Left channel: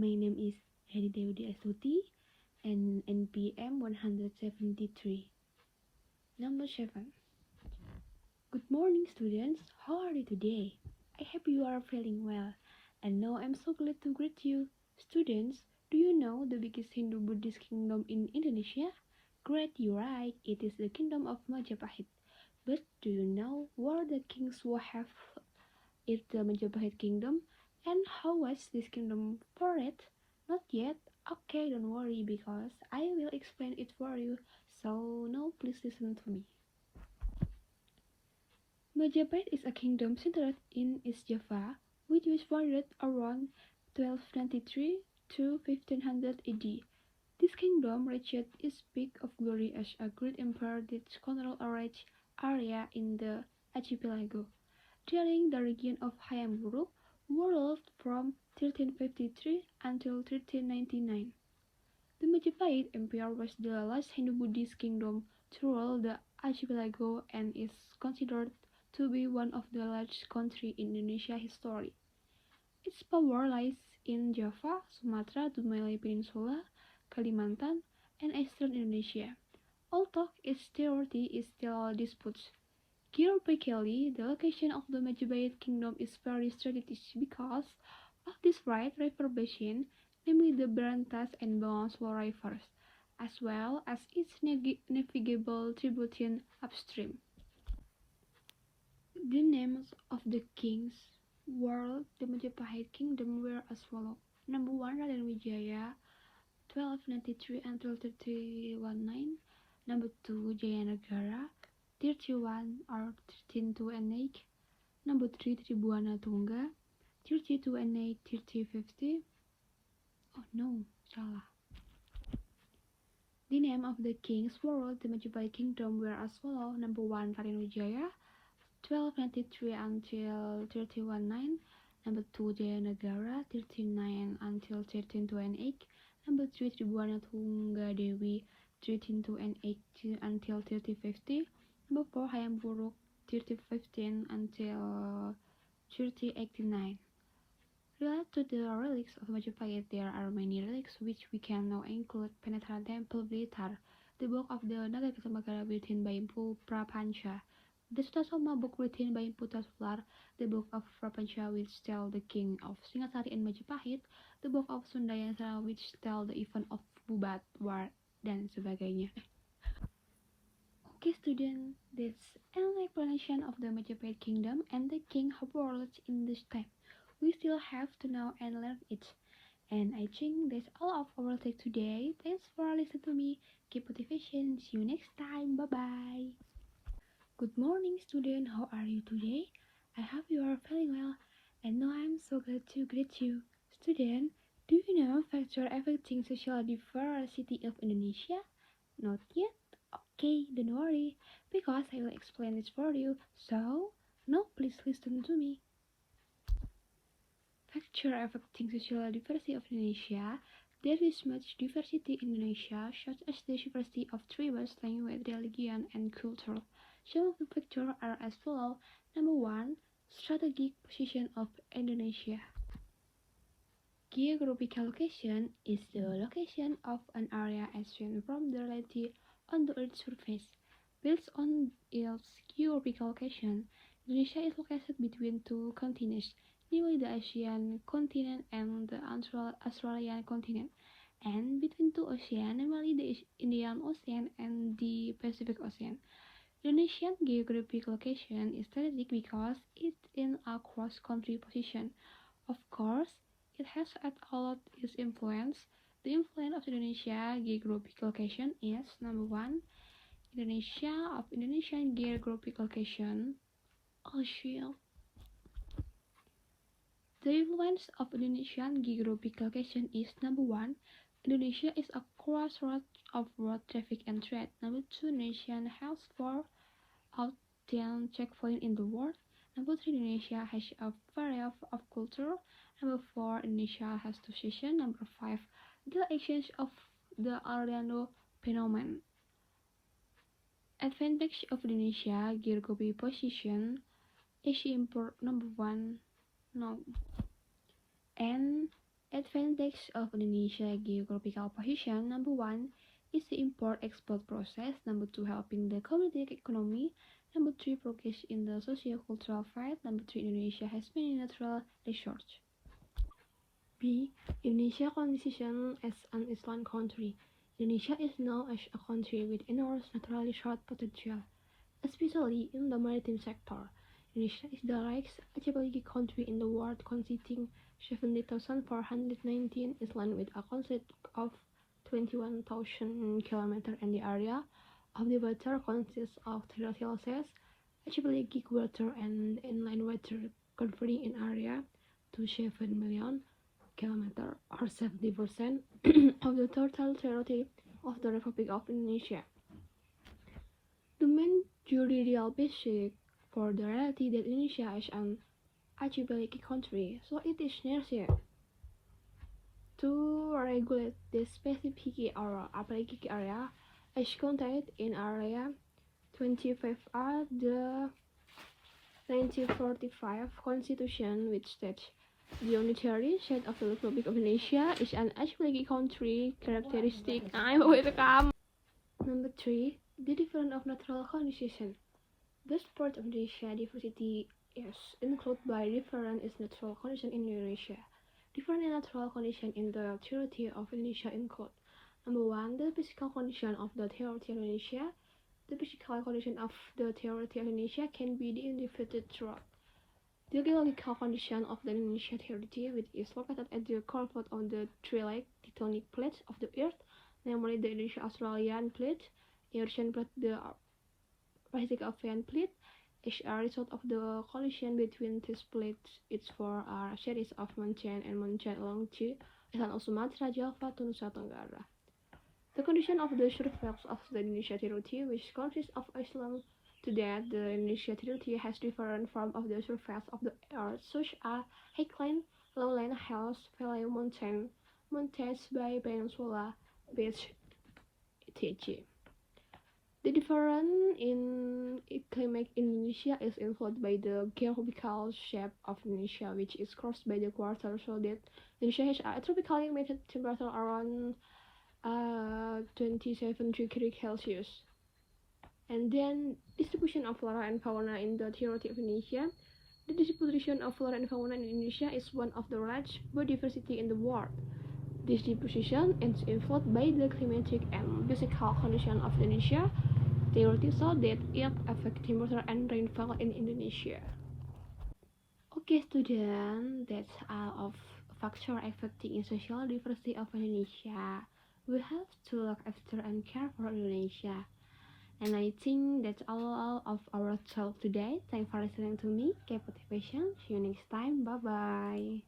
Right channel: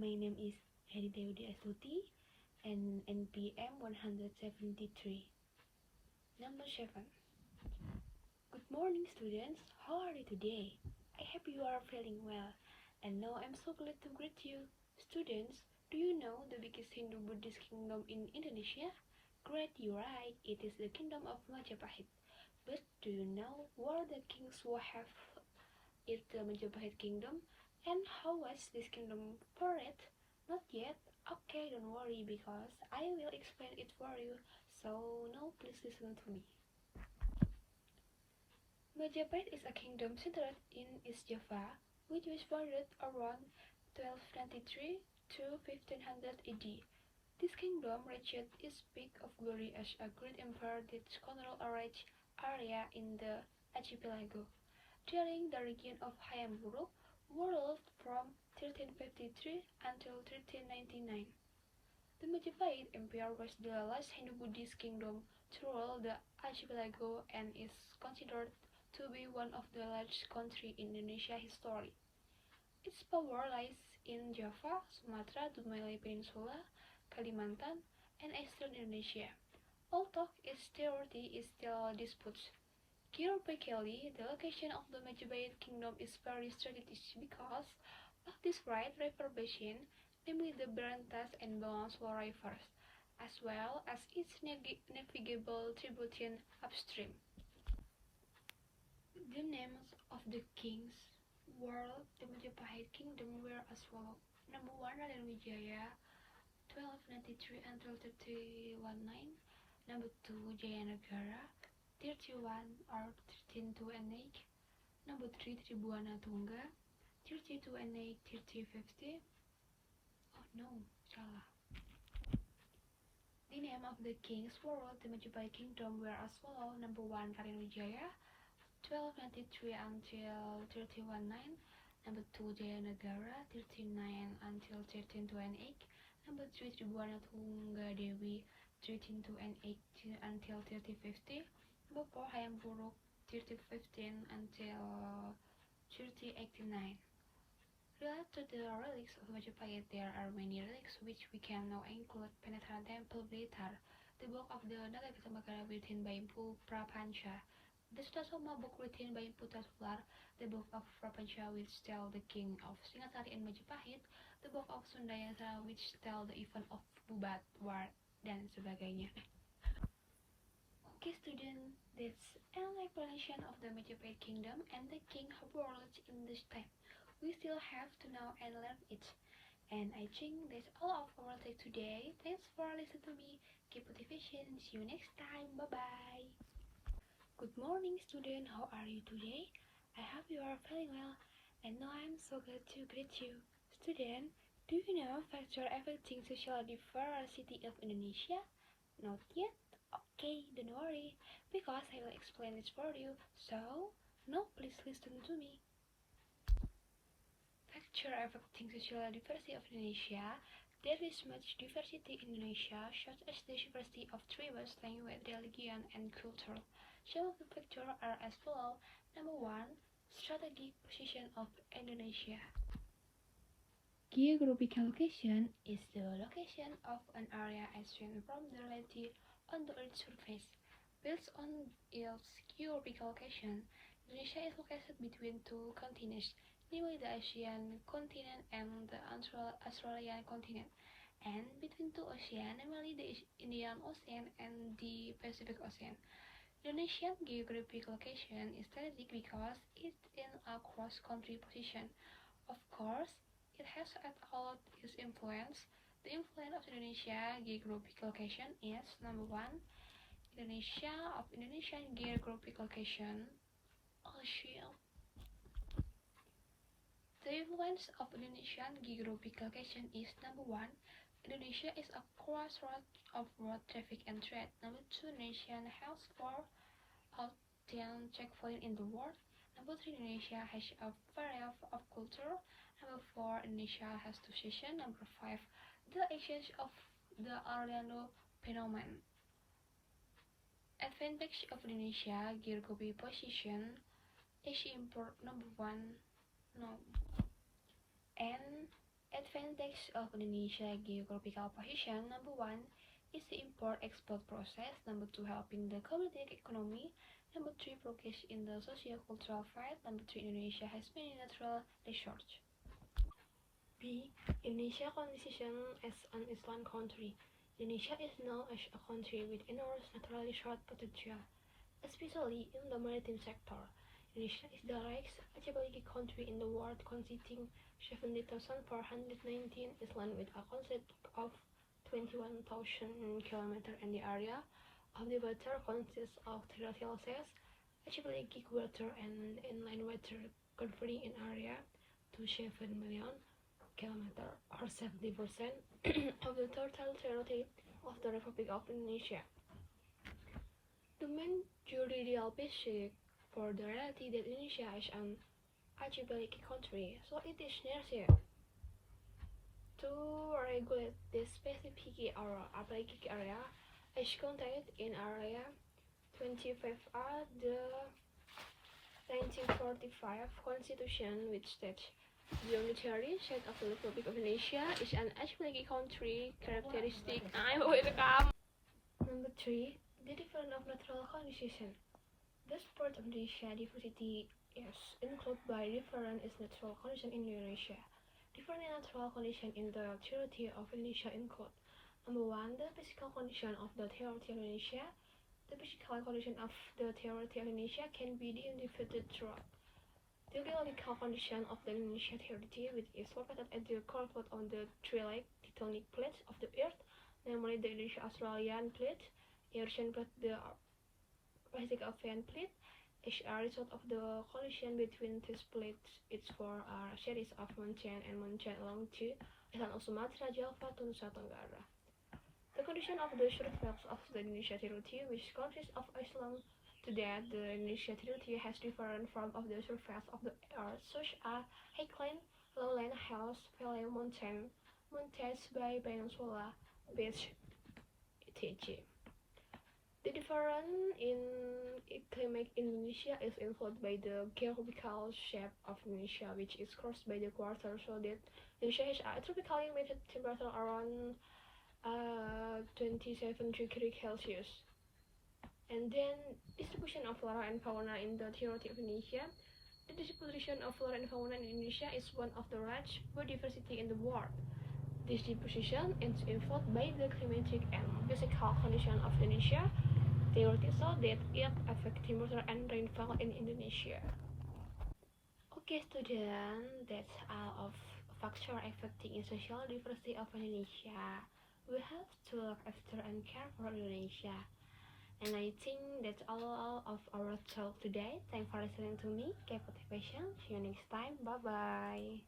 My name is Henida and NPM 173. Number 7. Good morning, students. How are you today? I hope you are feeling well. And now I'm so glad to greet you. Students, do you know the biggest Hindu-Buddhist kingdom in Indonesia? Great, you're right. It is the kingdom of Majapahit. But do you know where the kings who have it the Majapahit kingdom? And how was this kingdom for it? Not yet. Okay, don't worry because I will explain it for you. So now please listen to me. Majapahit is a kingdom centered in East Java, which was founded around 1293 to 1500 AD. This kingdom reached its peak of glory as a great empire that controlled a large area in the archipelago. During the reign of Hayam Wuruk, who ruled from 1353 until 1399. The Majapahit Empire was the last Hindu-Buddhist kingdom to rule the archipelago and is considered to be one of the largest countries in Indonesia history. Its power lies in Java, Sumatra, the Malay Peninsula, Kalimantan, and eastern Indonesia, although its territory is still disputed. Geographically, the location of the Majapahit Kingdom is very strategic because of this wide river basin, namely the Berantas and Bengawan rivers, as well as its navigable tributary upstream. The names of the kings were the Majapahit Kingdom were as follows. Number 1, Raden Wijaya, 1293 until 1319. Number 2, Jayanagara, 31 or 1328. Number 3, Tribuana Tungga, 3228, 3050. Oh no, salah. The name of the kings who ruled the Majapahit Kingdom were as follows. Number 1, Raden Wijaya, 1293 until 1319. Number 2, Jayanagara, 39 until 1328. Number 3, Tribuana Tungga Dewi, 1328 until 3050. Number 4, Hayam Wuruk, 3015 until 3089. Related to the relics of Majapahit, there are many relics which we can now include Penetra Temple Blitar, the book of the Nagaketambagara written by Empu Prapanca, the Sutasoma book written by Empu Tasular, the book of Prapanca which tell the king of Singasari and Majapahit, the book of Sundayasa which tell the event of Bubat War, dan sebagainya. Okay student, that's an explanation of the Majapahit Kingdom and the king who ruled in this time. We still have to know and learn it. And I think that's all of our take today. Thanks for listening to me. Keep motivation. See you next time. Bye-bye. Good morning student. How are you today? I hope you are feeling well. And now I'm so glad to greet you. Student, do you know factor affecting social diversity of Indonesia? Not yet? Okay, don't worry, because I will explain it for you. So, now please listen to me. Factor affecting social diversity of Indonesia. There is much diversity in Indonesia, such as the diversity of tribes, language, religion, and culture. Some of the factors are as follows. Number 1, strategic position of Indonesia. Geographical location is the location of an area as seen from the reality on the Earth's surface. Based on its geographical location, Indonesia is located between two continents, namely the Asian continent and the Australian continent, and between two oceans, namely the Indian Ocean and the Pacific Ocean. Indonesian geographic location is strategic because it's in a cross-country position. Of course, it has at all its influence. The influence of Indonesia geographic location is number 1, Indonesian geographic location. Also, the influence of Indonesian geographic location is number 1, Indonesia is a crossroads of road traffic and trade. Number 2, Indonesia has 4 out 10 checkpoints in the world. Number 3, Indonesia has a variety of culture. Number 4, Indonesia has 2 seasons. Number 5, the exchange of the Orlando phenomenon. Advantage of Indonesia geographic position is import number 1, no, and it Advantage of Indonesia geographical position. Number one is the import-export process. Number two, helping the community economy. Number three, progress in the socio-cultural field. Number three, Indonesia has many natural resources. B. Indonesia condition as an island country. Indonesia is known as a country with enormous natural resource potential, especially in the maritime sector. Indonesia is the largest archipelagic country in the world, consisting 70,419 islands with a coast of 21,000 km, and the area of the water consists of terrestrial seas, archipelagic water, and inland water, covering an area to 7 million km or 70% of the total territory of the Republic of Indonesia. The main juridical basis for the reality that Indonesia is an archipelagic country, so it is necessary to regulate the specific or archipelagic area as contained in Area 25A the 1945 Constitution, which states the unitary state of the Republic of Indonesia is an archipelagic country characteristic. Welcome. Number 3. The difference of natural conditions. This part of Indonesia diversity is included by different is natural conditions in Indonesia. Different natural conditions in the territory of Indonesia include: number 1, the physical condition of the territory of Indonesia. The physical condition of the territory of Indonesia can be divided throughout the geological condition of the Indonesia territory, which is located at the confluence of the three tectonic plates of the Earth, namely the Indonesia-Australian plate, Eurasian plate, the Pacific Ocean plate. As a result of the collision between these plates, it forms a series of mountains and mountains along the island of Sumatra, Java, to Nusa Tenggara. The condition of the surface of the Indonesia territory, which consists of islands, to that the Indonesia territory has different forms of the surface of the earth, such as highland, lowland, hills, valley, mountains, bay, peninsula, beach, etc. The difference in climate in Indonesia is influenced by the geographical shape of Indonesia, which is crossed by the equator, so that Indonesia has a tropically humid temperature around 27 degrees Celsius. And then distribution of flora and fauna in the territory of Indonesia. The distribution of flora and fauna in Indonesia is one of the largest biodiversity in the world. This distribution is influenced by the climatic and physical condition of Indonesia territory, so that it affects temperature and rainfall in Indonesia. Okay, students, that's all of factors affecting the social diversity of Indonesia. We have to look after and care for Indonesia. And I think that's all of our talk today. Thanks for listening to me. Keep motivation. See you next time. Bye bye.